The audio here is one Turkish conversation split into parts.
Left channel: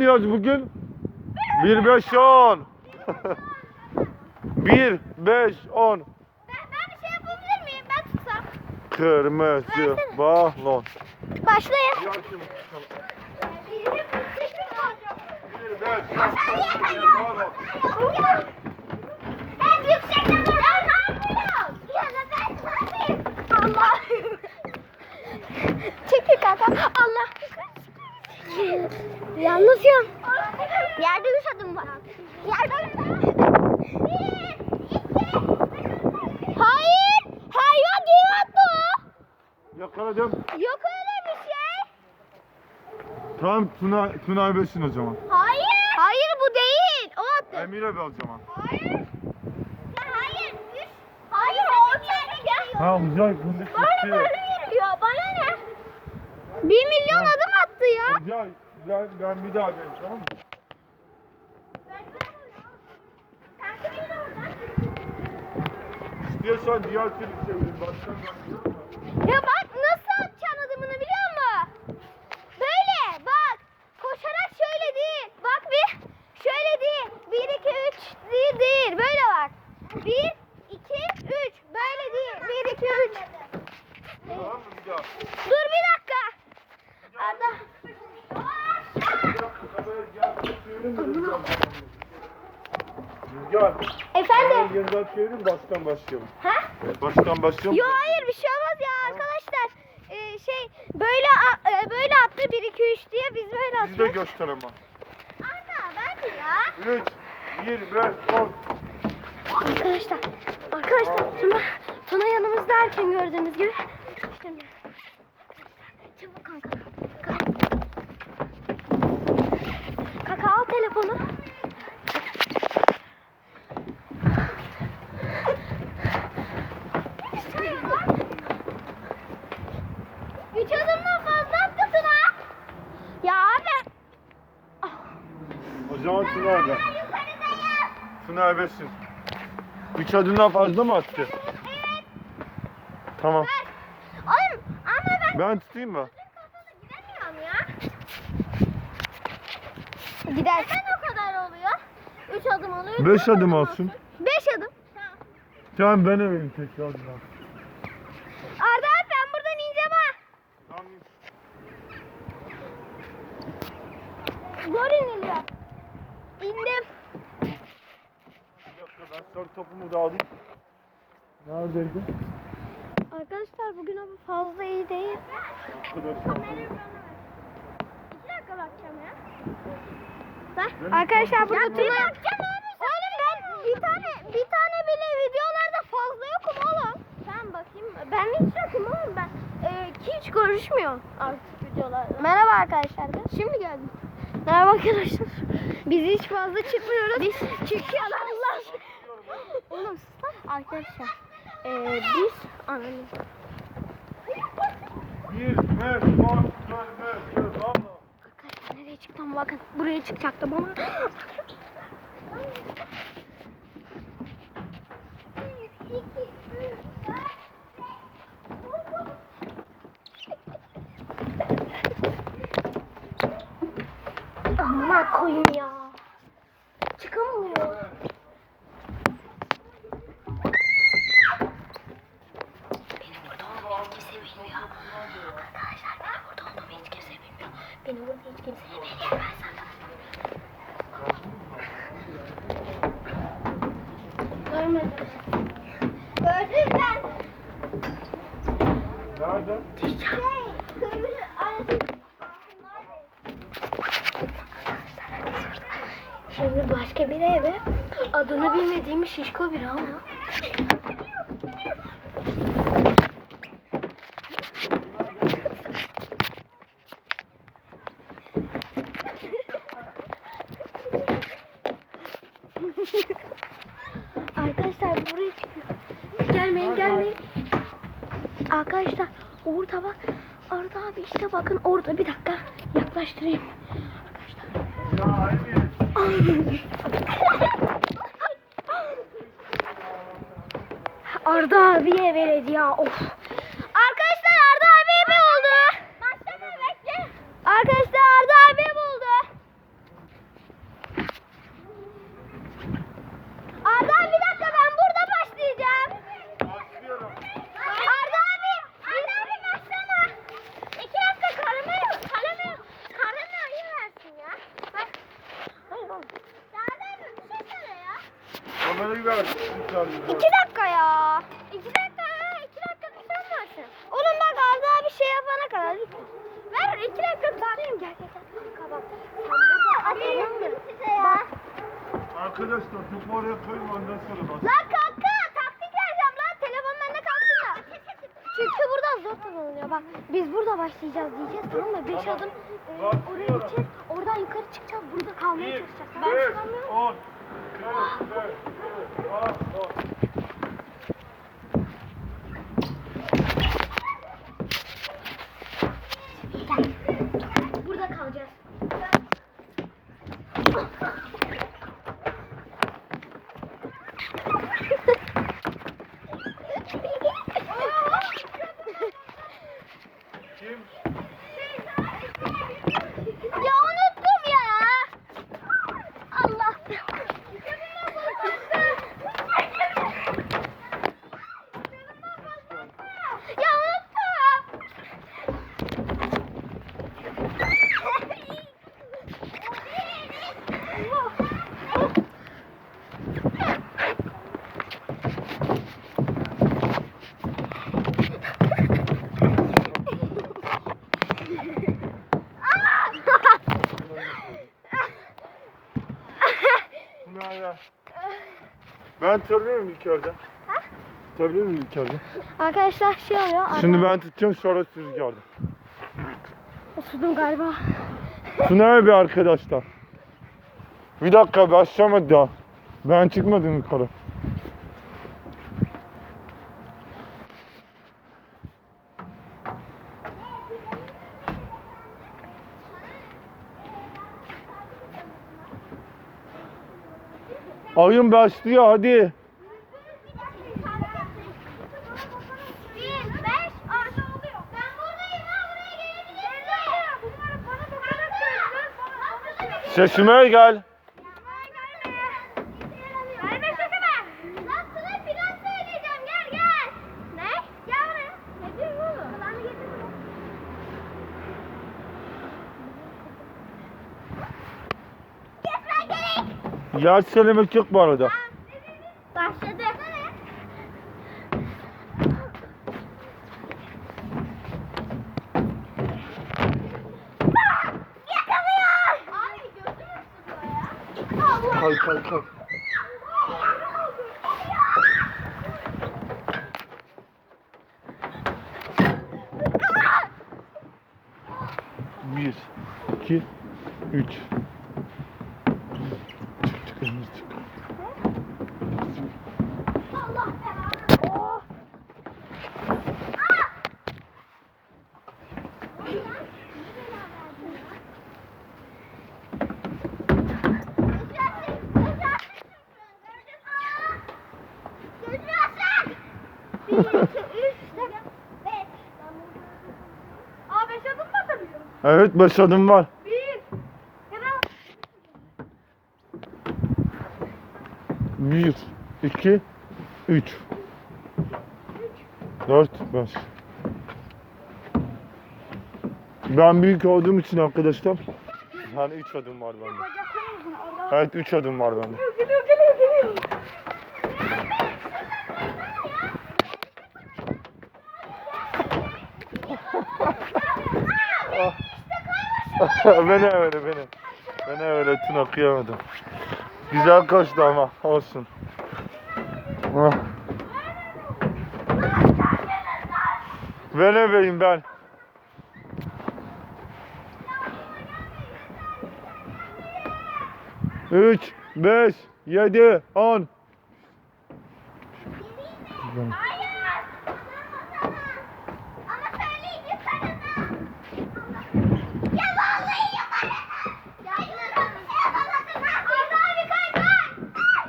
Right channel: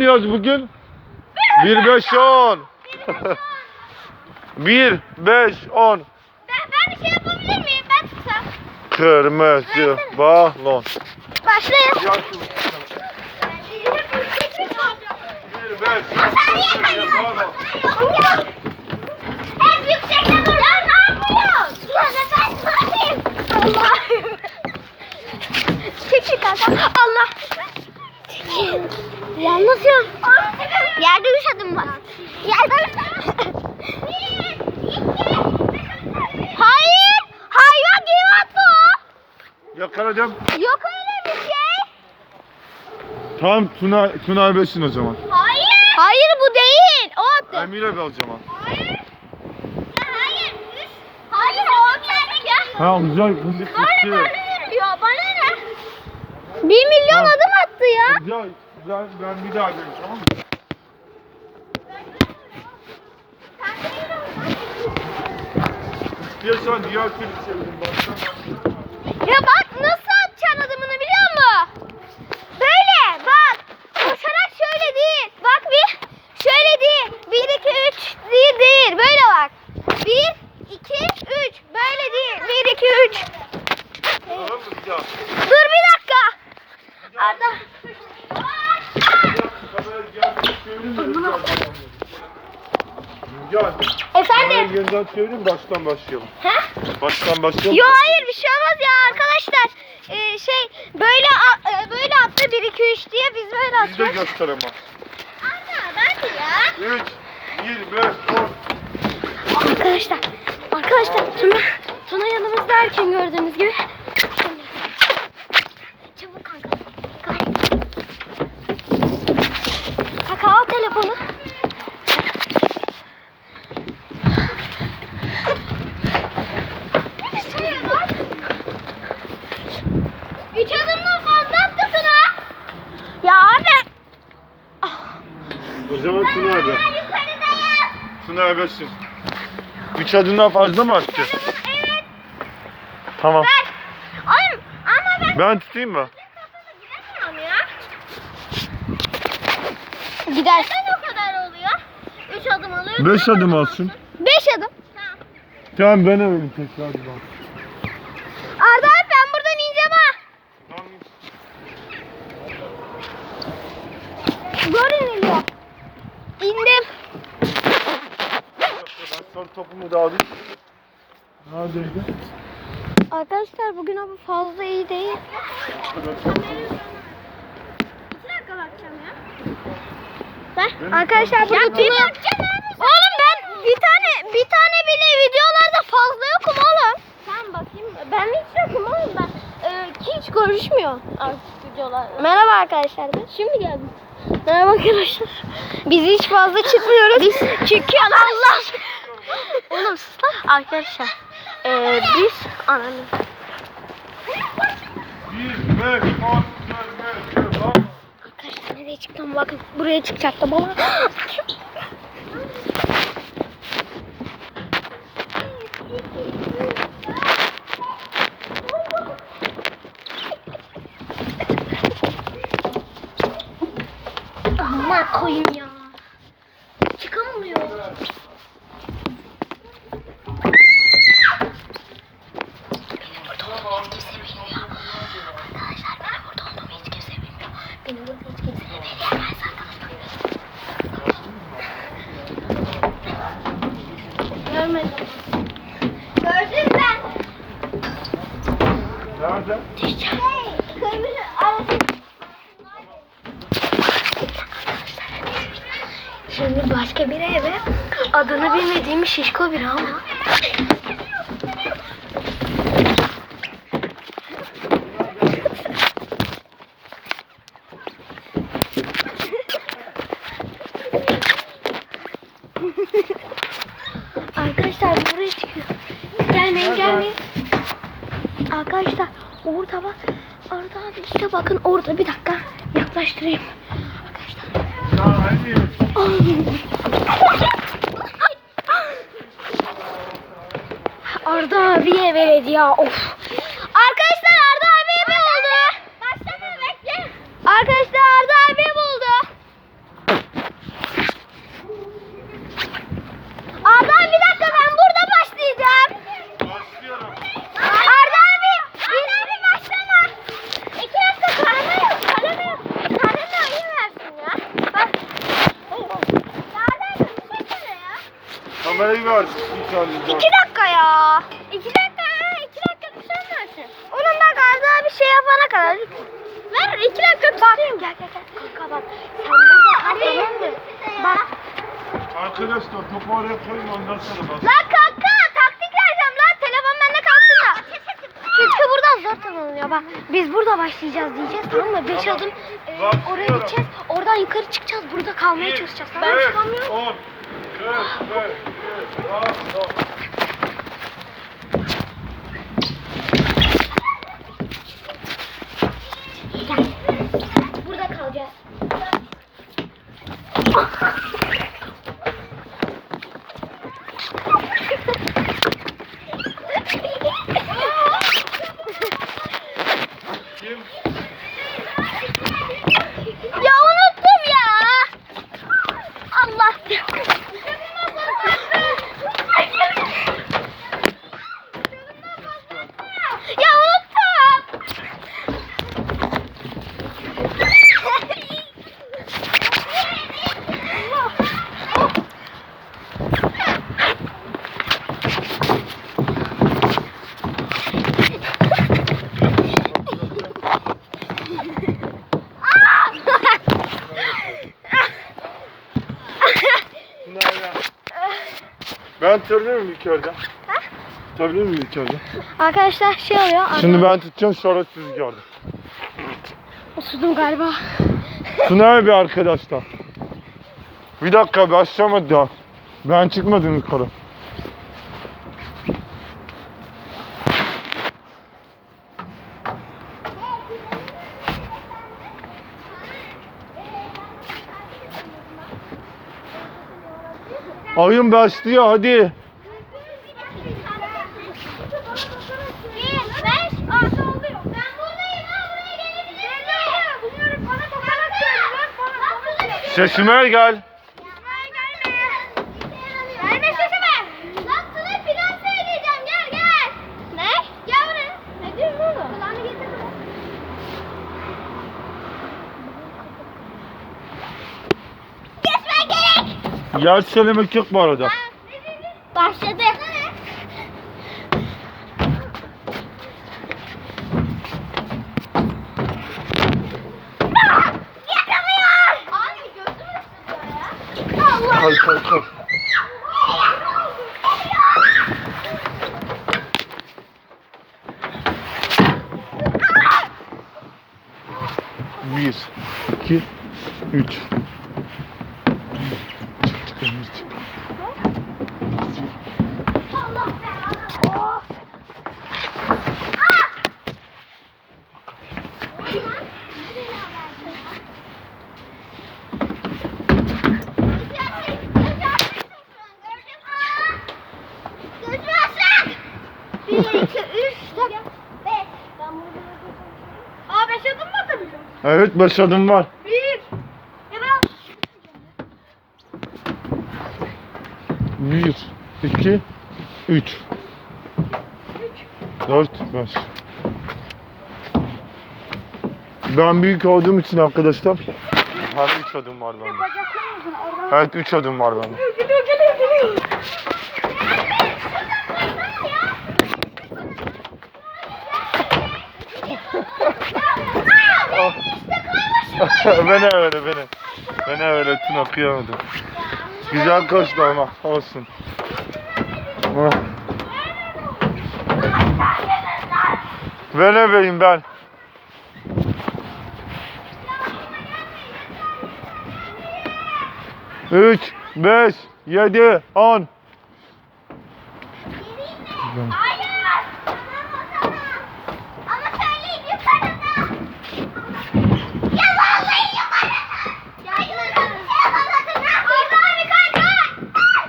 oynuyoruz bugün? 1 5 10. 1 5 10. Ben, bir şey yapabilir miyim? Ben tutsam. Kırmızı balon. Başlayın. Yaş 1 5 balon. En yüksekten vur. Ne yapıyorsun? Ya ben? Allah'ım. Çek çek kanka. Allah. Yalnız ya. Yerde üç adım var. Yerde Hayır. Hayvan gibi attı o. Yakaladım. Yok öyle bir şey. Tamam Tuna Tuna Erbeş'in o zaman. Hayır. Hayır bu değil. O attı. Emir'e bir alacağım ha. Hayır. Ya hayır. Üç. Hayır o ya. Ha güzel Böyle böyle 1 milyon ha. adım attı ya. Ya ben, ben bir daha geleyim tamam mı? Ya sen diğer klip çevirin. Ya bak Gel. Efendim? Yeniden çevirin baştan başlayalım. Ha? Baştan başlayalım. Yo hayır bir şey olmaz ya arkadaşlar. Ee, şey böyle a- e, böyle attı 1 2 3 diye biz böyle Biz de atıyoruz. göster ama. Anne ben ya. 3, 25, 10. Arkadaşlar, arkadaşlar Tuna, Tuna yanımızda erken gördüğünüz gibi. Çabuk kanka. Kanka. Kaka al telefonu. Üç adımdan fazla attı Tuna. Ya abi. O zaman Tuna abi. Ben yukarıdayım. Erbeş'in. 3 adımdan fazla mı attı? Evet. Tamam. Ben. Oğlum ama ben Ben tutayım mı? Gider. Neden o kadar oluyor? Üç adım alıyor. 5 adım alsın. Beş adım. Tamam. Tamam ben öyle tekrar bak. Arda abi ben buradan ineceğim ha. Zor iniliyor. İndim. Ben son topumu da alayım. Neredeydi? Arkadaşlar bugün ama fazla iyi değil. İki dakika bakacağım ya. Benim Arkadaşlar burada Tuna... Oğlum ben bir tane bir tane bile videolarda fazla yokum oğlum. Tamam bakayım. Ben hiç yokum oğlum ben. Ee, hiç görüşmüyor artık videolar. Merhaba arkadaşlar. Şimdi geldim. Merhaba arkadaşlar. Biz hiç fazla çıkmıyoruz. Biz çünkü Allah. Oğlum sus lan. Arkadaşlar. Ee, biz ananı. 1, 5, 10, 25, 10. Arkadaşlar nereye çıktım bakın. Buraya çıkacaktım ama. Aman koyayım ya. Çıkamıyor. Benim burada olduğumu hiç kimse bilmiyor. Arkadaşlar benim burada olduğumu hiç kimse bilmiyor. Benim burada hiç kimse beğenmez arkadaşlar. Görmedim. Gördüm ben. Nerede? Şey, kırmızı arası. Şimdi başka bir eve adını bilmediğim şişko biri ama. Arkadaşlar buraya çıkıyor. Gelmeyin gelmeyin. Arkadaşlar orada bak. Arda abi işte bakın orada bir dakika yaklaştırayım. Arkadaşlar. Arda abiye verildi ya of. İki dakika ya. İki dakika ha. İki dakika düşersin. Onun da galiba bir şey yapana kadar. Ver iki dakika tutayım. Bak gel gel gel. Kapat. Sen burada hadi. Bak. Arkadaşlar topu oraya koyun ondan sonra bas. Lan kanka taktik vereceğim lan. Telefon bende kalsın da. Çünkü buradan zor tanınıyor bak. Biz burada başlayacağız diyeceğiz tamam mı? Beş Tamam. adım e, oraya Başlıyorum. gideceğiz. Oradan yukarı çıkacağız. Burada kalmaya çalışacağız. Ben çıkamıyorum. 10, 4, 5, Ben tutabilir miyim ilk önce? Tutabilir miyim ilk önce? Arkadaşlar şey oluyor. Şimdi ben tutacağım sonra siz gördüm. Osurdum galiba. Tsunami bir arkadaşlar. Bir dakika başlamadı ya. Ben çıkmadım yukarı. Oyun başlıyor hadi. Bir, beş, altı oluyor. Ben buradayım ha buraya gelebilirsin. Bunları bana bakarak söylüyorlar. Bana bana Sesime gel. Verme sesimi. Lan sana plan söyleyeceğim. Gel gel. Ne? Gel buraya. Ne diyorsun oğlum? Kulağını getir. Kesme Gel söylemek yok bu arada. Başladı. Kay kay kay. Bir, iki, üç. Bir, iki, üç, dört, beş. Aa beş adım mı atabilirim? Evet başladım var. Bir. Bir, iki, üç. Dört, beş. Ben büyük olduğum için arkadaşlar. Hani üç adım var bende. Evet üç adım var bende. Geliyor geliyor geliyor. beni öyle beni. Beni öyle tüm okuyamadım. Güzel koştu ama olsun. Ah. Ben ebeyim ben. Üç, beş, yedi, on. Hayır. Ama söyleyin yukarıda. Ya vallahi yukarıda. Ya yukarıda. Ya yukarıda. Arda abi kay kay.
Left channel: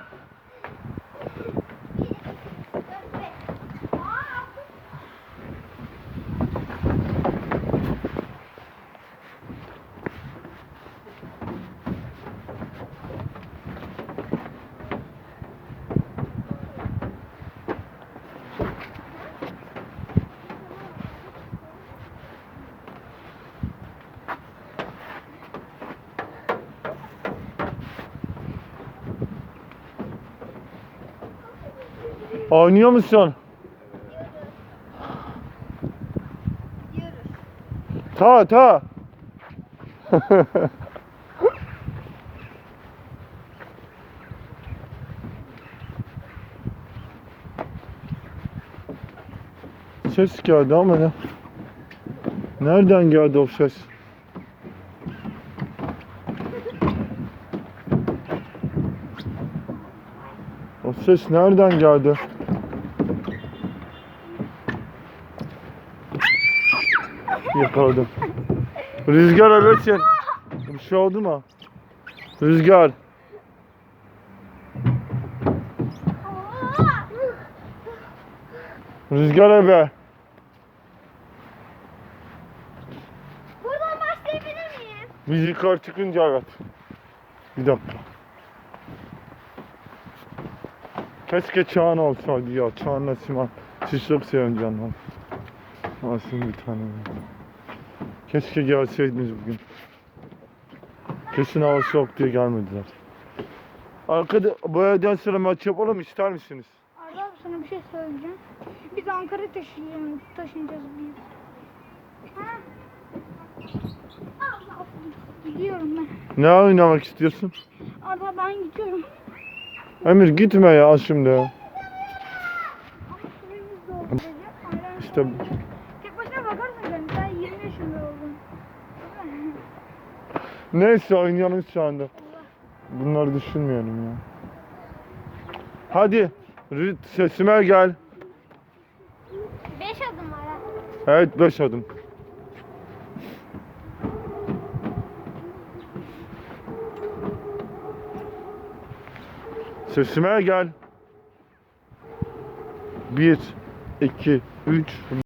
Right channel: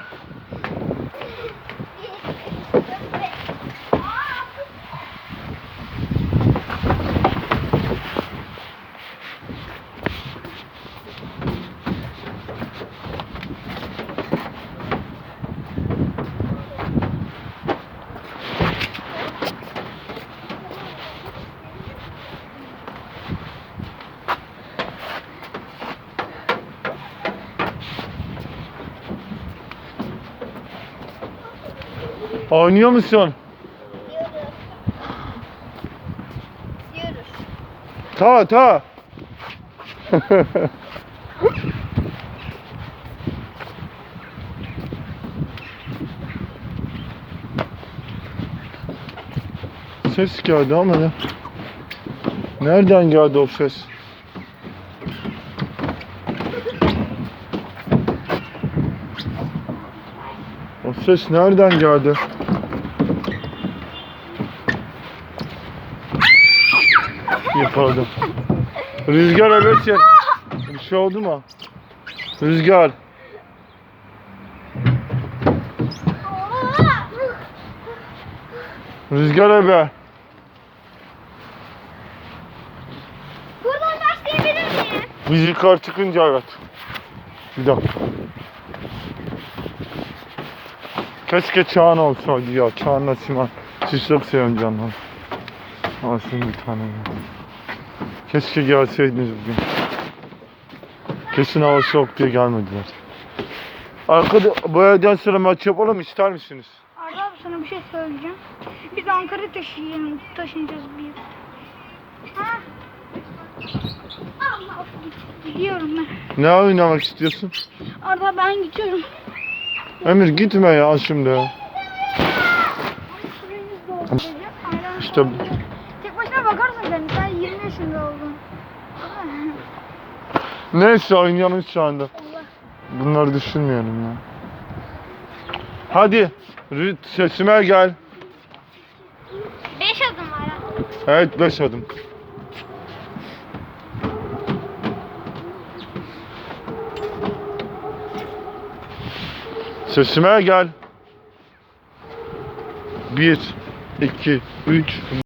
Oynuyor musun? Ta ta. Ses geldi ama ne? Nereden geldi o ses? O ses nereden geldi? Yakaladım. Rüzgar evet ya. Bir şey oldu mu? Rüzgar. Rüzgar ebe. Buradan başlayabilir miyim? Biz yukarı çıkınca evet. Bir dakika. Keşke Çağan olsaydı ya. Çağan'la Sinan. Siz çok seviyorum canlar. Alsın bir tane. ya. Keşke gelseydiniz bugün. Kesin hava soğuk diye gelmediler. Arkada bu evden sonra maç yapalım ister misiniz? Arda abi sana bir şey söyleyeceğim. Biz Ankara taşıyalım, taşınacağız bir. Ha? Gidiyorum ben. Ne oynamak istiyorsun? Arda ben gidiyorum. Emir gitme ya şimdi. İşte neyse oynayalım şu anda. Bunları düşünmeyelim ya. Hadi sesime gel. Beş adım var. ha. Evet beş adım. Sesime gel. Bir, iki, üç.